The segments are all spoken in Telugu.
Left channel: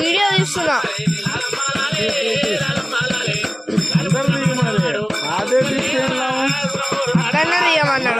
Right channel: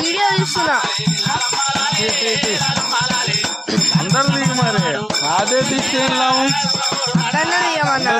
వీడియో తీస్తున్నా అదన్నా తీయమన్నా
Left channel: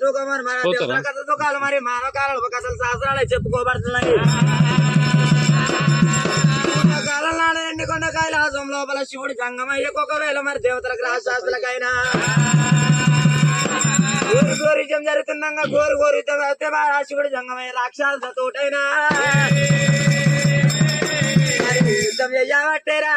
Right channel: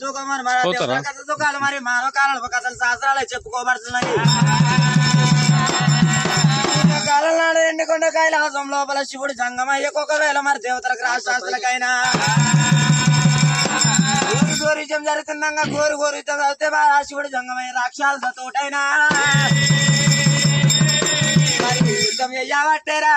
దూకమని మరి ఆ దేవతల కథ దుఃఖాలు మరి. మానవ కాలంలో కథలు శాస్త్రాలే చెప్పుకోబడుతున్నాయి. కాలం నాడు ఎండుకొండ కైలాసం లోపల శివుడు జంగమయ్యకు ఒకవేళ మరి దేవతలకు రాశాస్త్రులకైనా కోరి కోరికం జరుగుతుండగా కోరి కోరితం అయితే శివుడు జంగమయ్య రాక్షస తోటైనా యుద్ధం చెయ్యబట్టేరా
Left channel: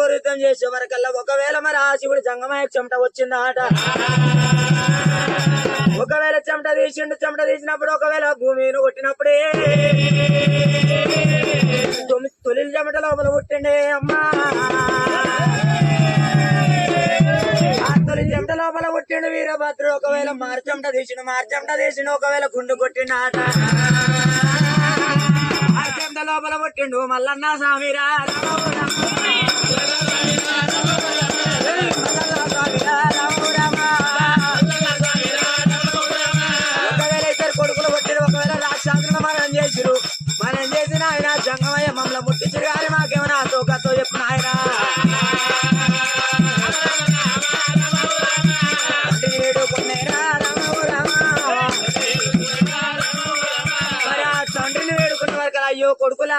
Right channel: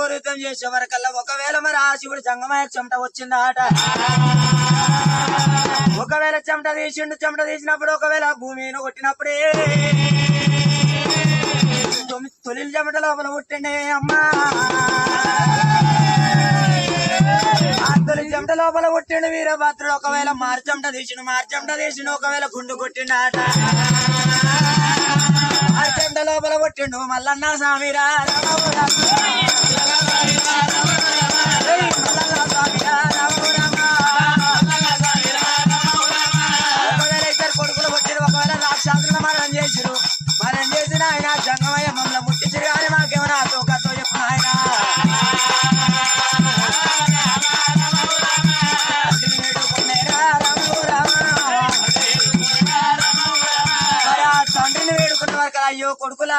సంగమయ్య చేసే వరకల్లా ఒకవేళ మరి ఆ శివుడు సంగమయ్య చెమట వచ్చిందాట? ఒకవేళ చెమట తీసిండు చెమట తీసినప్పుడు ఒకవేళ భూమిని కొట్టినప్పుడే తొమ్మిది తొలి చెమట లోపల పుట్టిండే అమ్మా. తొలి చెమట లోపల కొట్టిండు వీరభద్రుడు. ఒకవేళ మార్చమట తీసిండు మార్చమట తీసిండు ఒకవేళ గుండు కొట్టిండు ఆట లోపల కొట్టిండు మల్లన్న స్వామిరా.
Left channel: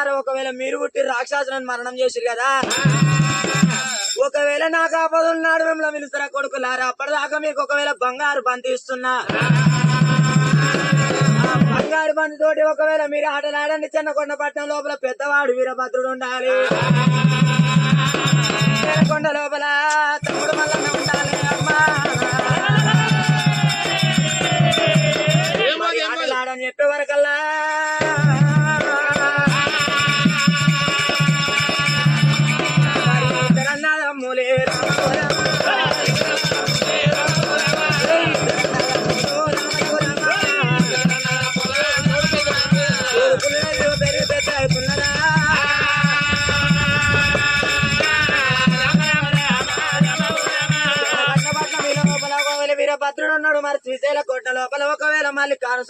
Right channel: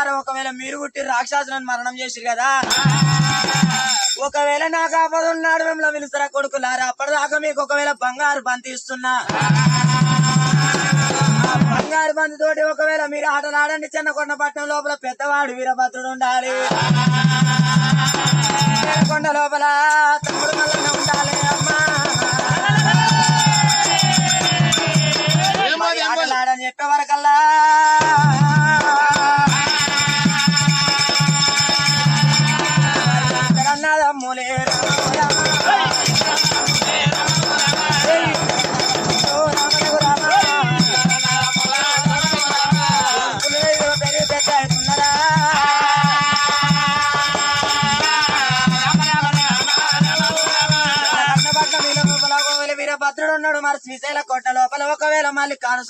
కొడుకులారా ఒకవేళ మీరు పుట్టి రాక్షసులను మరణం చేసిరు కదా? ఒకవేళ నాకు ఆపద ఉన్నాడు మిమ్మల్ని పిలుస్తారా కొడుకులారా అప్పటిదాకా మీకు ఒకవేళ బంగారు బంతి ఇస్తున్నా. బంగారు బంతి తోటి ఒకవేళ మీరు ఆటలాడండి చిన్నకొండ పట్టణం లోపల పెద్దవాడు వీరభద్రుడు ఉండాలి. కొండ లోపల తమ్ముడు మల్లన్న ఉండాలి అమ్మా. మరి ఆటలాడని చెప్పే వరకల్లా కోట లోపల ఒకవేళ మళ్ళీ కాను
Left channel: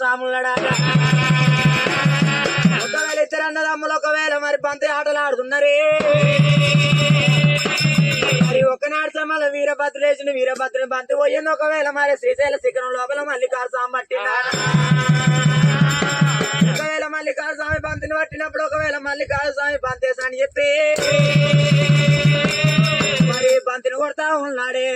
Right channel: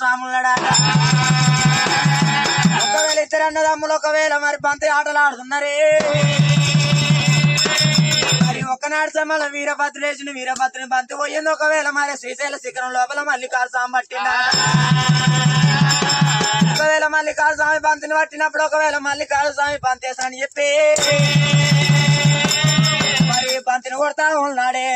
ఒకవేళ ఇద్దరు అన్నదమ్ములు ఒకవేళ మరి బంతి ఆటలు ఆడుతున్నారే. మరి ఒకనాడు సమయంలో వీరభద్రుడు వేసిన వీరభద్రుని బంతి పోయింది. ఒకవేళ మరి శ్రీశైల శిఖరం లోపల మళ్ళీ కారు స్వామి పట్టిందా ఒకవేళ మళ్ళీ కారు స్వామి బంతిని పట్టినప్పుడు ఒకవేళ మళ్ళీ కారు స్వామి బంతి చెప్పి మరి బంతిని కొడతా ఉన్నాడే.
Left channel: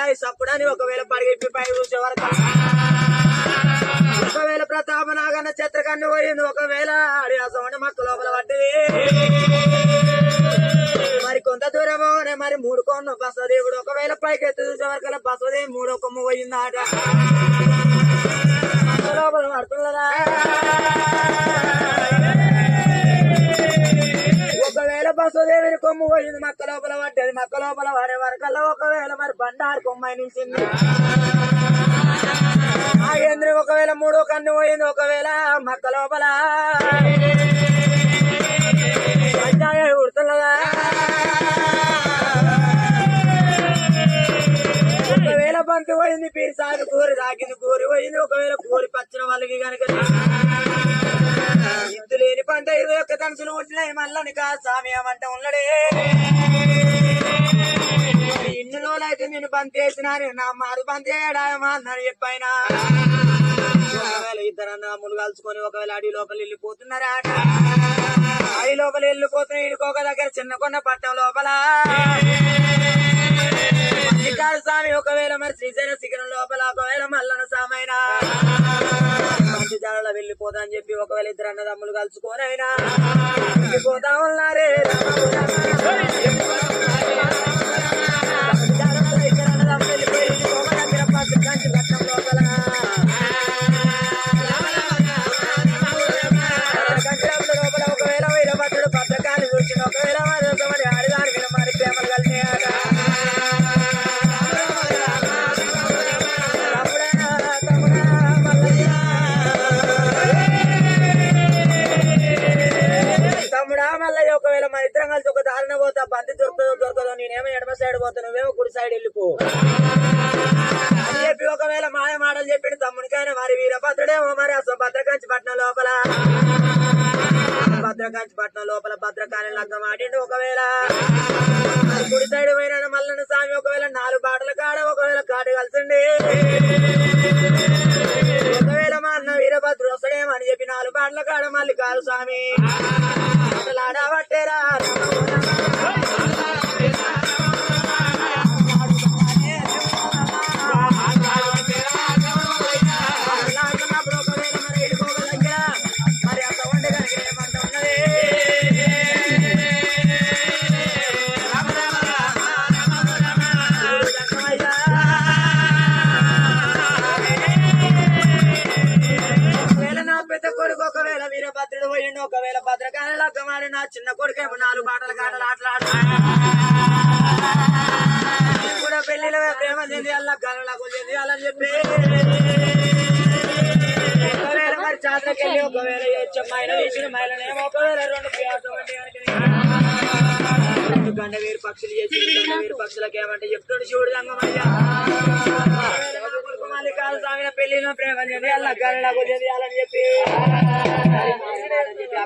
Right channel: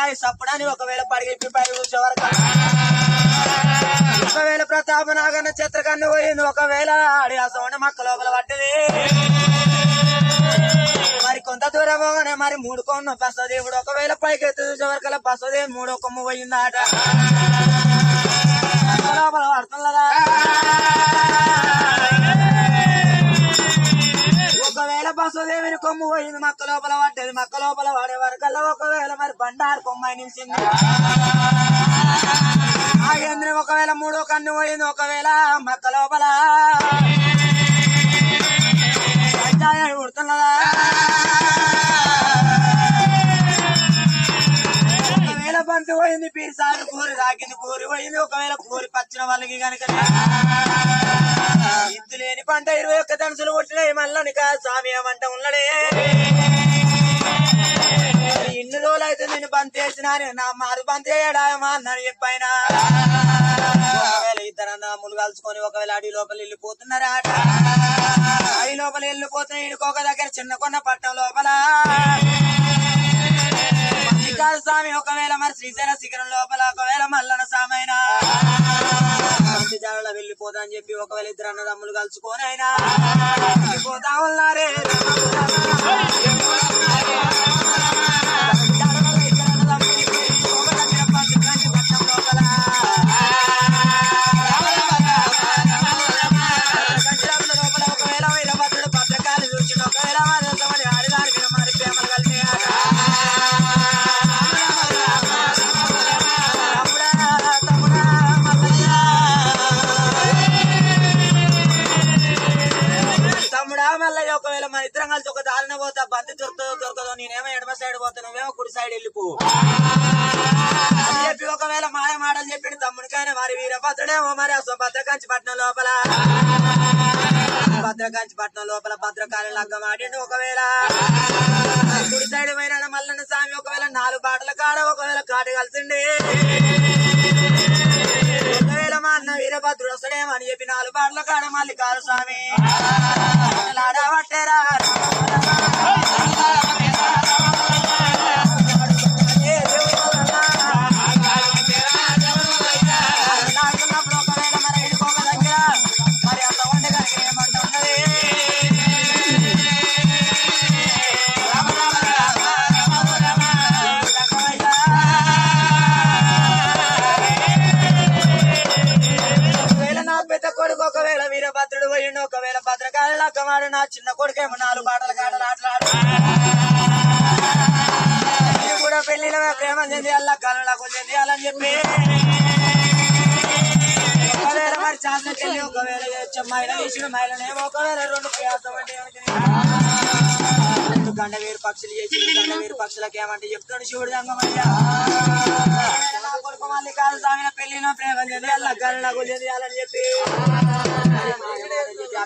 మేసుడు సప్పుడాని ఒకవేళ పడిగిప్పి పై చూసే వరకు. ఒకవేళ ప్రతాపనాగన్న చిత్రకన్ను పోయింది ఒకవేళ ఆడి మక్క లోపల పడ్డది. మరి కొంత దూరం పోగానే మరి మూడు కొన్న బసదేవుడు ఒకవేళ పైకి ఎత్తి చూసే వరకు బసదేవి మూడో కొమ్మ పోయింది మక్క లోపల పడుతున్నదా ఒకవేళ కొమ్ము పోయింది. మక్క లోపల పడ్డది. మక్క లోపల పడే వరకల్లా ఒకవేళ మరి బండారు కొమ్మాయి నిలిచింది ఆ ఒకవేళ మూడో కన్ను పోయింది. ఒకవేళ మక్క లోపల. ఉడుతున్నదా ఒకవేళ బంతి పోయింది పీరిసారి కూరి రాగింది కూరి పోయింది. ఒకవేళ కూరి పచ్చిన వాళ్ళకి కనుక ఇద్దు లేని పంట ఇరవై ఒక్క ధనుసులు కొట్టినాయి మల్లని కా స్వామి ఏమంట ఉన్నడే. ఇన్నులో ఇన్ని అయితే నేను బంద్ చేసినా నా మారు బంద్ చేయడామా అన్నాను చెప్పైనా. ఒకవేళ ఇద్దరు అన్నములు కలుసుకొని ఒకవేళ అడవి లోపల వెళ్ళిపోతున్నారా? అడవి లోపల వెళ్ళిపోతున్న ఇడుకోక దగ్గర చిన్న కొన్న పట్టణం లోపల. స్వామి ఒకవేళ మరి శ్రీశైల శిఖరం లోపల ఒకవేళ మల్లన సామైనా. మంచి వెళ్ళిపోతా అని చెప్పి ఒకవేళ ఇద్దరు అన్నదమ్ములు కలుసుకొని అయినా వెళ్ళిపోతా ఉన్నారే తమ్ముడికైనా మరి అసలు భద్రకాంచి పట్నం లోపల. భద్రకాంచి పట్నం లోపల భద్రకాళి లగ్గం ఆడిండు ఒకవేళ. కుడి సైడ్ పోయిన మల్లన్న స్వామి ఒకవేళ నాలుగు బాటల కాడ ఒకవేళ కాటు కలిసిండి. ఒకవేళ మా అన్న వీరభద్రుడు వస్తాడేమో అని చెప్పి నాలుగు బాటల కాడ మళ్ళీ కాదు స్వామి ఆడబట్టేరా వీరభద్రుడు పోయిండు ఒకవేళ భద్రకాళి లక్కమాడు నా చిన్న కొడుకేమో నాలుగు బాటలు కాటలు ఆటలాడు కూడా పెళ్ళిన ప్రేమ చెంది అల్ల గలలో చెంది అలా చెప్పి. ఒకవేళ మరి చాదరకెళ్ళి ఒకవేళ మైల తీసిన మైలనేమో ఒకవేళ రెండు ప్యాసం అంటే గంట వేరు పక్షులు చేసి గంట వేరు పక్షులకి ఏమంటే చెప్తాడు శివుడు రంగమయ్య. ఒకవేళ కొడుకు మళ్ళీ కాదు సామిన పెళ్ళిన ప్రేమ చెంది అల్ల గలలో చెంది అలా చెప్పి. ఆ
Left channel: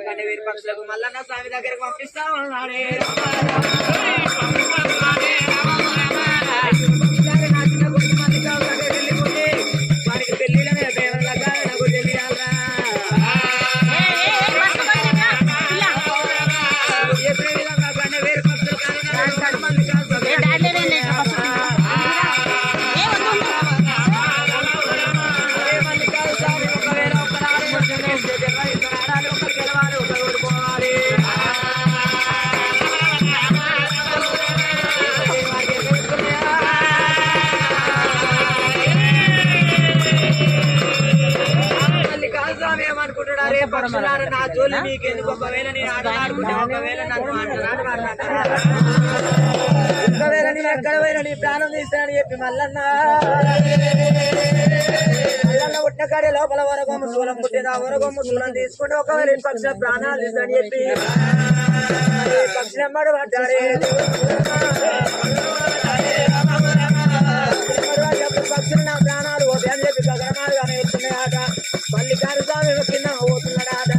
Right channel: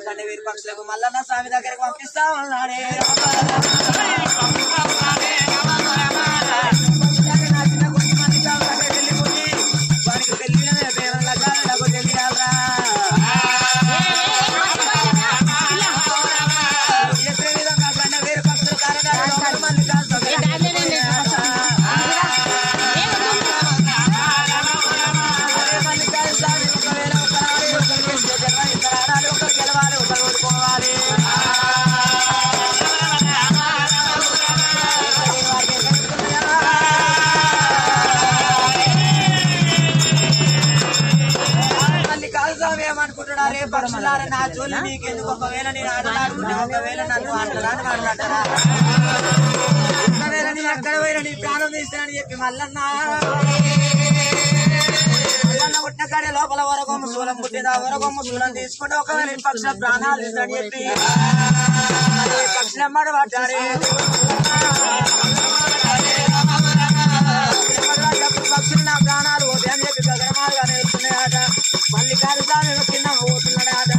పక్షులకు మళ్ళా స్వామి దగ్గరికి పంపిస్తా ఉన్నాడే. నీ ప్రాణం తీస్తానని చెప్పి మల్లన్న. పుట్టిన కాడే లోపల వరగొమ్మ శూలం పుట్టింది. ఆ వరగొమ్మ శూలం తీసుకుంటే ఒకవేళ ఈ పక్ష ప్రాణాలు తీస్తాడని చెప్పి. పక్షులు నా ప్రాణాలు పోతాయి అని చెప్పి గగనమాలుగా నేర్చుకున్నాడట. మళ్ళీ కారు కింద పోతున్నాడట.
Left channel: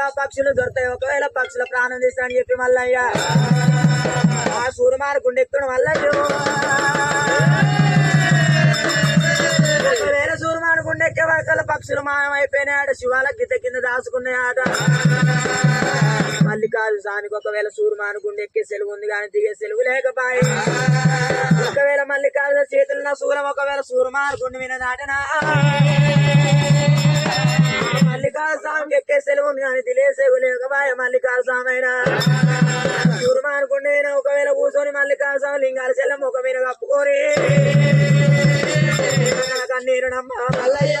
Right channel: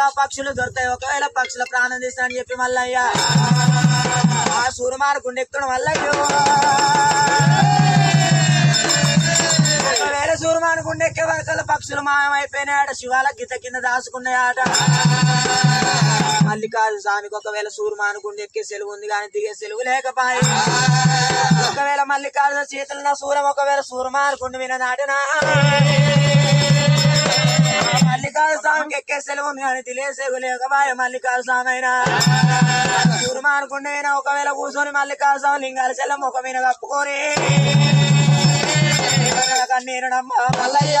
గుండెత్తే పక్షులు దొరుకుతాయి. ఒకవేళ పక్షుల ప్రాణం తీస్తానని చెప్పి మల్లయ్య. ఆ సూర్యమాను గుండెక్కడం వల్ల ఒకవేళ సూర్యమాను గుండెక్కే వరకల పక్షులు మాయమైపోయినాయట శివాల గిత కింద దాచుకున్నాయట మల్లికార్జు స్వామికి ఒకవేళ సూర్యమాను గుండెక్కే సెలవు ఉంది కానీ దిగే సెలవు లేకపాయి. ఒకవేళ మల్లికార్జున చేతులు నా సూరం ఒకవేళ సూర్యమాను గుండె మీద నాటినా మల్లికార్జున స్వామికి ఎక్కే సెలవు ఉంది కానీ దిలే సెలవు లేకపాయ స్వామి అయినా సూర్యమాను ఒకవేళ కూర్చొని మల్లికార్జున స్వామి లింగాల చెల్లం ఒక మీద కప్పుకొని. కన్నీరునమ్మ మల్లయ్య.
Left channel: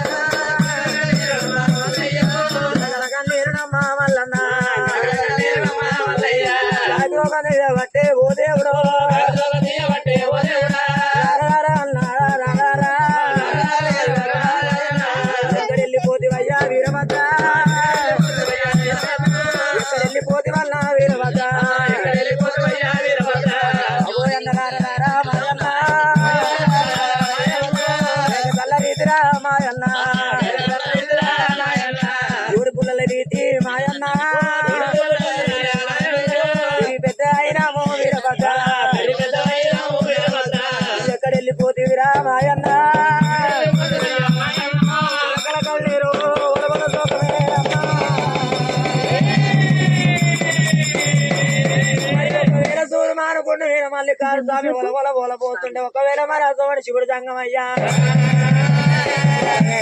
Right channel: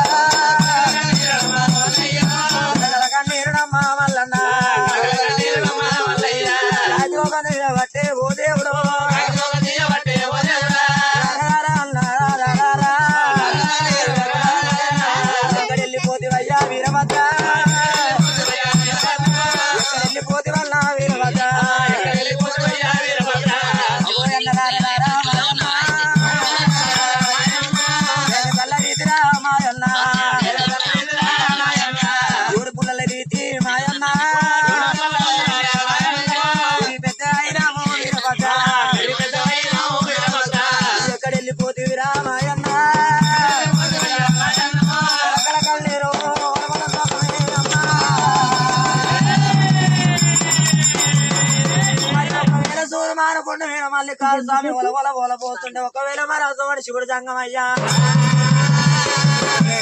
వీర మల్లికార్జున స్వామి ఒల ఒల ఒల పోతుంటే ఒకవేళ మన సోని శివుడు సంగమయ్యా.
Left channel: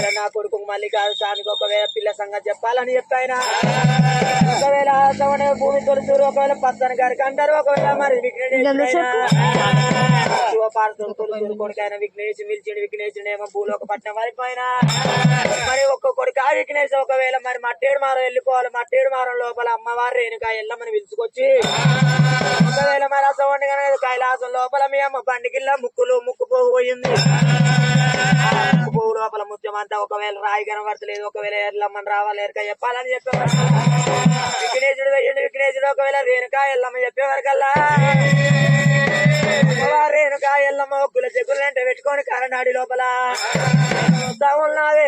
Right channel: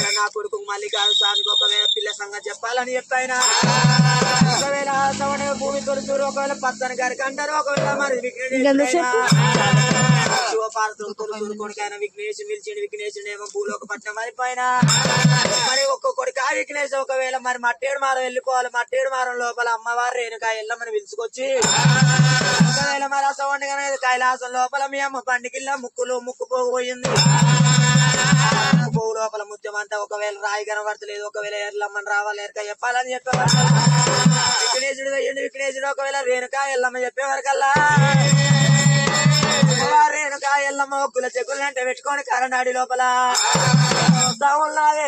నా కొడుకు మల్లికార్జున స్వామికి ఒకవేళ పిల్ల సంగతి చెప్పాలని చెప్పాయినా. ఒకవేళ భూమి తొలుచూరు ఒకవేళ పచ్చని గారికి అంటారు ఒకవేళ మరి శివపార్వతులు తొలుచూరు కొడుకైన విఘ్నేష్ మిల్చిండి విఘ్నేశుడు ఏమో భూలోక పట్నం అయిపోయినా. మరి ఒక్క కొడుకు ఆ విఘ్నేష్ ఒకవేళ మరి మట్టేడు మారం వెళ్ళిపోవాలి. మట్టేడు మారం లోపల అమ్మవారు రేణుకా ఎల్లమ్మని పిలుచుకొచ్చి ఒకవేళ మరి అసవండి కైలాసం లోపల మీ అమ్మ పండికిల్ల ముక్కులు ముక్కు పోగు పోయింది. ముక్కు పోగు లోపల ముత్యమంతా ఒకవేళ రాయి కనబడతలేదు ఒకవేళ ఎల్లమ్మని రావాలి ఎరక చెప్పాలని చెప్పేవారు. విఘ్నేశుడు వెయ్యండి విఘ్నేశుడు ఒకవేళ రేణుకా ఎల్లమ్మ చెప్పేవారికల్లా అమ్మవారు నేను కాయల్లమ్మ కుల చెగులు అంటే పెట్టుకొని కరనాడి లోపల. వస్తా ఉన్నావే